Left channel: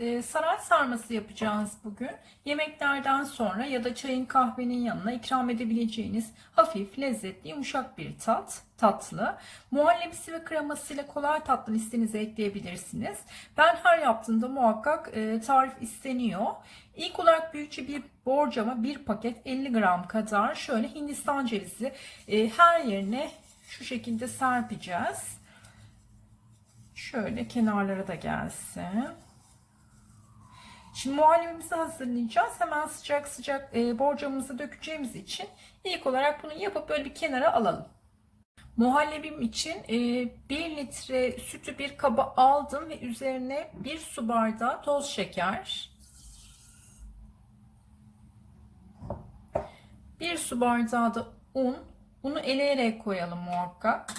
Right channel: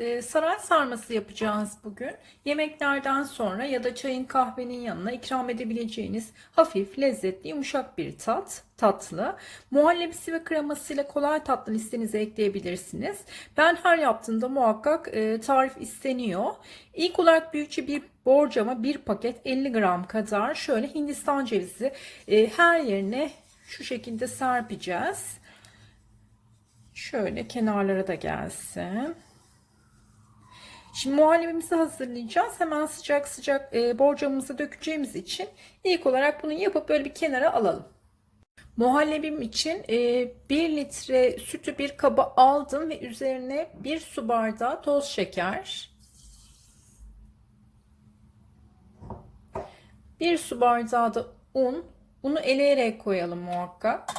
e, saray sarması yapacağız bugün. Yemeklerden sonra ya da çayın kahvenin yanına ikram edebileceğiniz hafif, lezzetli, yumuşak bir tat, tatlı. Muhallebisi ve kremasıyla kolay tatlı listenize ekleyebilirsiniz. Ben her yaptığımda muhakkak e, tarif isteniyor. İlk olarak büyükçe bir borcama bir paket 50 gram kadar şöyle Hindistan cevizi e, her yerine şu şekilde serpeceğiz. Şöyle kenarlara da gelsin. Şimdi muhallebimizi hazırlayacağız. Hemen sıcak sıcak e, borcamımızı dökeceğimiz için ilk olarak bunu yapıp böyle bir kenara alalım. Muhallebim için e, 1 litre sütü bir kaba aldım ve üzerine 1 su bardağı toz şeker, 1 su bardağı da un. Bunu eleyerek koyalım muhakkak.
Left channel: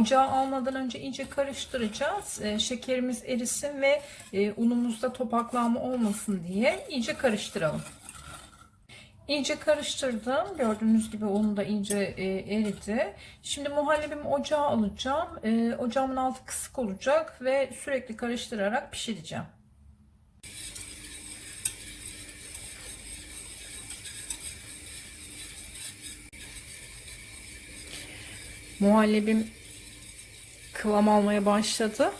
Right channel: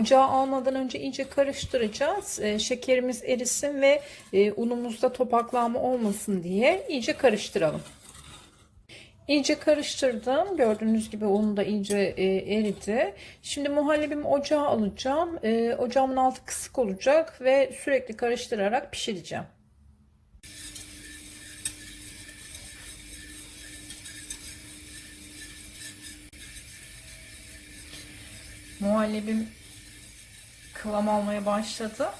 Ocağa almadan önce iyice karıştıracağız. E, şekerimiz erisin ve e, unumuzda topaklanma olmasın diye iyice karıştıralım. İyice karıştırdım. Gördüğünüz gibi unu da iyice e, eridi. Şimdi muhallebimi ocağa alacağım. E, ocağımın altı kısık olacak ve sürekli karıştırarak pişireceğim. Muhallebim kıvam almaya başladı.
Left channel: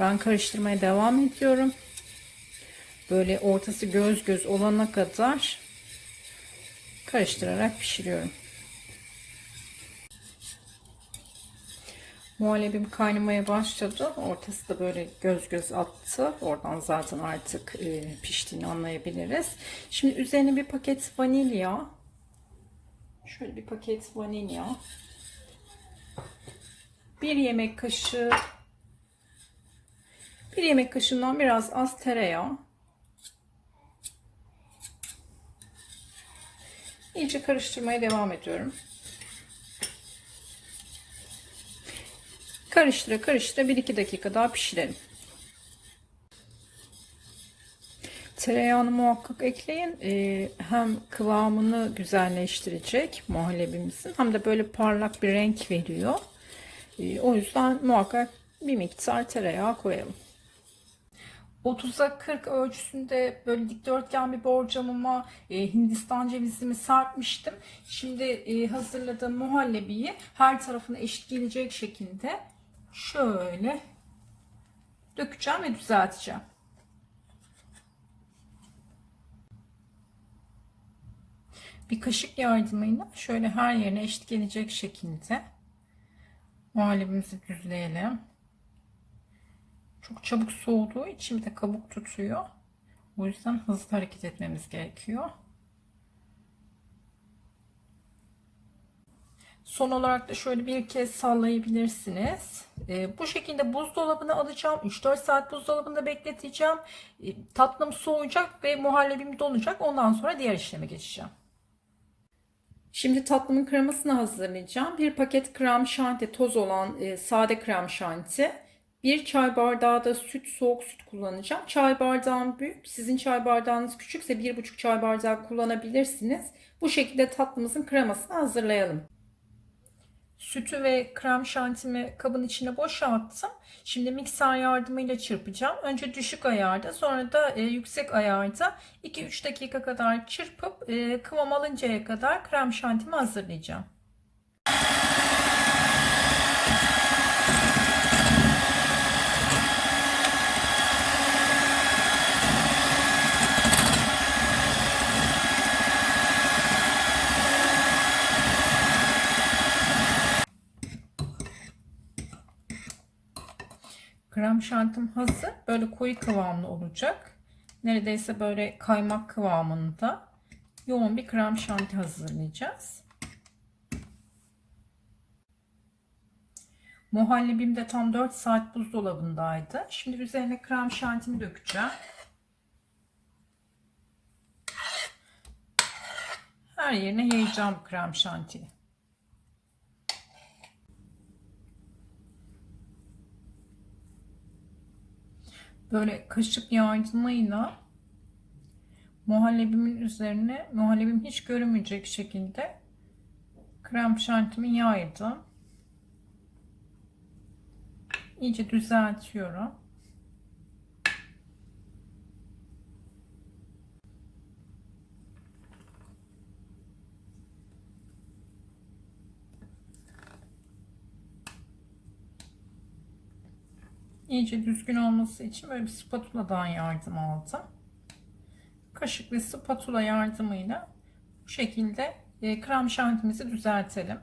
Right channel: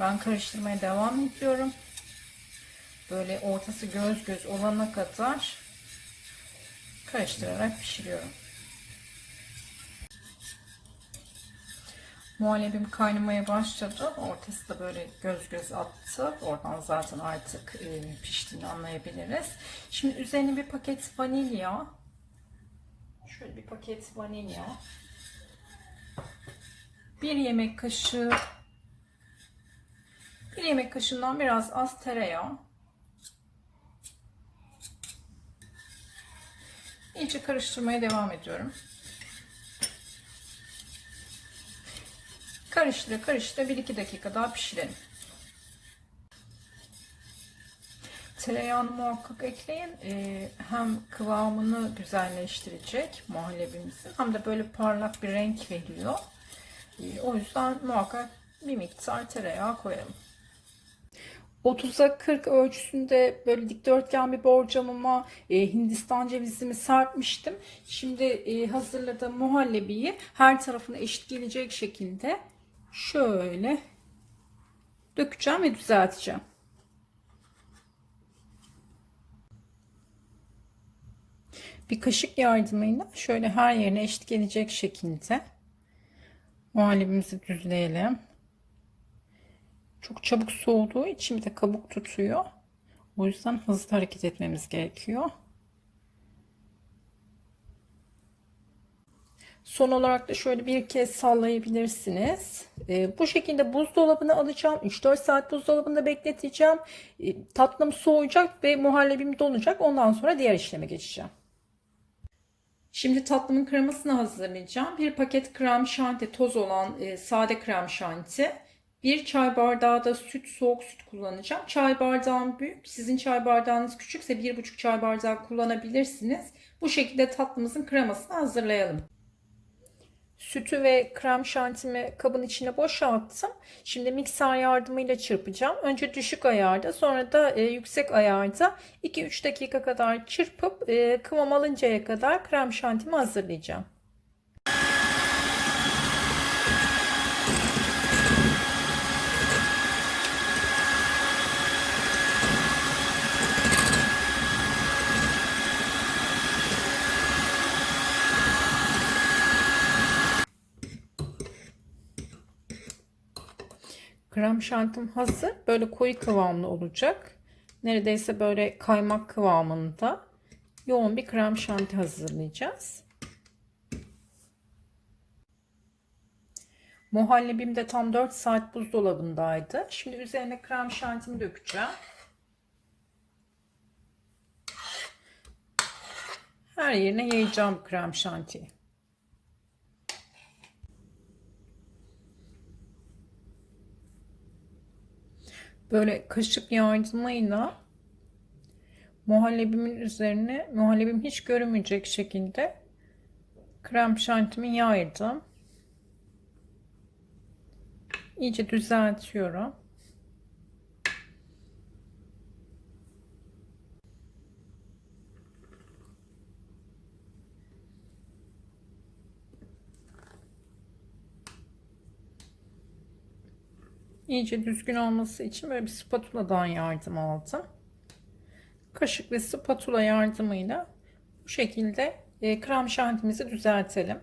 Ben karıştırmaya devam ediyorum. Böyle ortası göz göz olana kadar karıştırarak pişiriyorum. Muhallebim kaynamaya başladı. Ortası da böyle göz göz attı. Oradan zaten artık e, piştiğini anlayabiliriz. Şimdi üzerine bir paket vanilya. Şöyle bir paket vanilya. Bir yemek kaşığı bir yemek kaşığından biraz az tereyağı. İyice karıştırmaya devam ediyorum. Karıştıra karıştıra 1-2 dakika daha pişirelim. Tereyağını muhakkak ekleyin. Ee, hem kıvamını güzelleştirecek muhallebimizin hem de böyle parlak bir renk veriyor. Ee, o yüzden muhakkak bir miktar tereyağı koyalım. 30'a 40 ölçüsünde böyle dikdörtgen bir borcamıma e, Hindistan cevizimi serpmiştim. Şimdi e, hazırladığım muhallebiyi her tarafına eşit gelecek şekilde şöyle dökeceğim ve düzelteceğim. Bir kaşık yardımıyla şöyle her yerine eşit gelecek şekilde muhallebimizi düzleyelim. Çok çabuk soğuduğu için bir de kabuk tutuyor. O yüzden hızlı hareket etmemiz gerekiyor. Son olarak da şöyle bir kez sallayabilirsiniz. E, bu şekilde buzdolabına alacağım. 3-4 saat buzdolabında bekleteceğim. E, tatlım soğuyacak ve muhallebim donacak. Ondan sonra diğer işleme geçeceğim. Şimdi tatlımın kremasını hazırlayacağım. Bir paket krem şanti toz olan e, sade krem şanti. Bir çay bardağı da süt, soğuk süt kullanacağım. Çay bardağım büyük. Sizin çay bardağınız küçükse bir buçuk çay bardağı kullanabilirsiniz. Bu şekilde tatlımızın kremasını hazırlayalım. Sütü ve krem şantimi kabın içine boşalttım. Şimdi mikser yardımıyla çırpacağım. Önce düşük ayarda sonra da e, yüksek ayarda 2-3 dakika kadar çırpıp e, kıvam alıncaya kadar krem şantimi hazırlayacağım. Krem şantim hazır. Böyle koyu kıvamlı olacak. Neredeyse böyle kaymak kıvamında yoğun bir krem şanti hazırlayacağız. Muhallebim de tam 4 saat buzdolabındaydı. Şimdi üzerine krem şantimi dökeceğim. Her yerine yayacağım krem şantiyi. Böyle kaşık yardımıyla muhallebimin üzerine muhallebim hiç görünmeyecek şekilde krem şantimi yaydım. İyice düzeltiyorum. İyice düzgün olması için böyle bir spatuladan yardım aldım. Kaşık ve spatula yardımıyla bu şekilde e, krem şantimizi düzeltelim.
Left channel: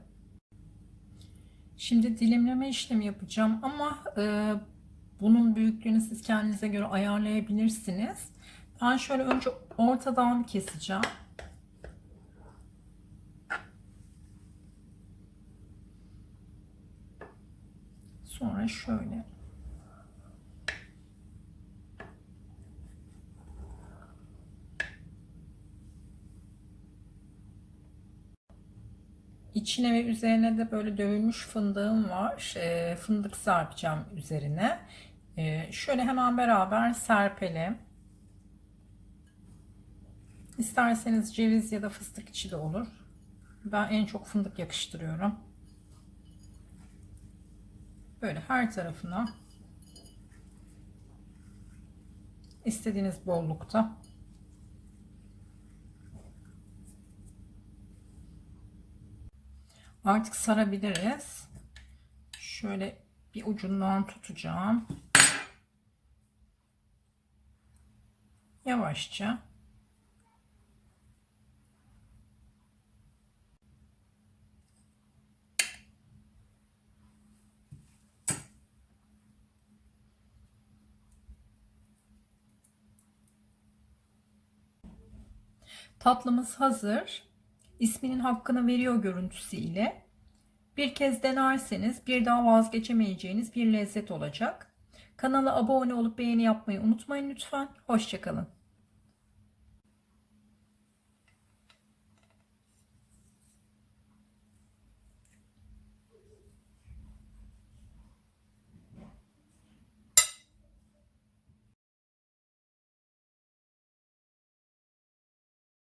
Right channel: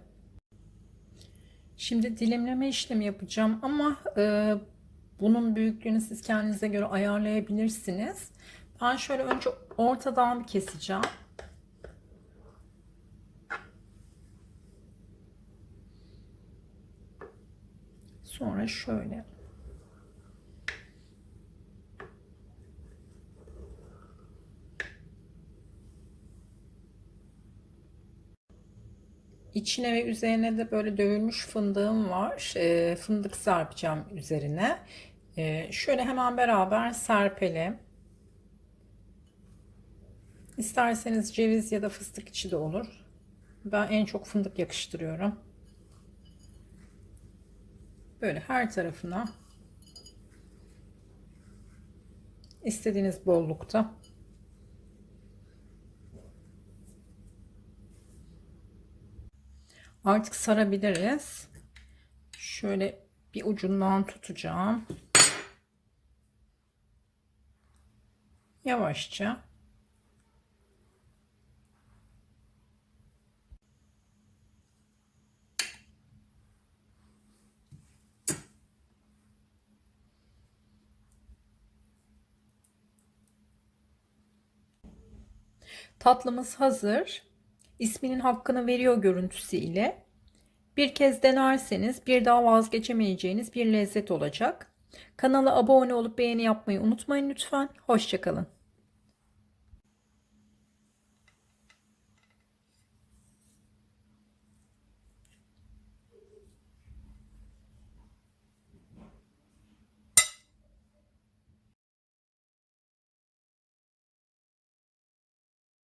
Şimdi dilimleme işlemi yapacağım ama e, bunun büyüklüğünü siz kendinize göre ayarlayabilirsiniz. Ben şöyle önce ortadan keseceğim. Sonra şöyle. İçine ve üzerine de böyle dövülmüş fındığım var. E, fındık serpeceğim üzerine. E, şöyle hemen beraber serpelim. İsterseniz ceviz ya da fıstık içi de olur. Ben en çok fındık yakıştırıyorum. Böyle her tarafına istediğiniz bollukta Artık sarabiliriz. Şöyle bir ucundan tutacağım. Yavaşça. Tatlımız hazır. İsminin hakkını veriyor görüntüsüyle. Bir kez denerseniz bir daha vazgeçemeyeceğiniz bir lezzet olacak. Kanala abone olup beğeni yapmayı unutmayın lütfen. Hoşçakalın.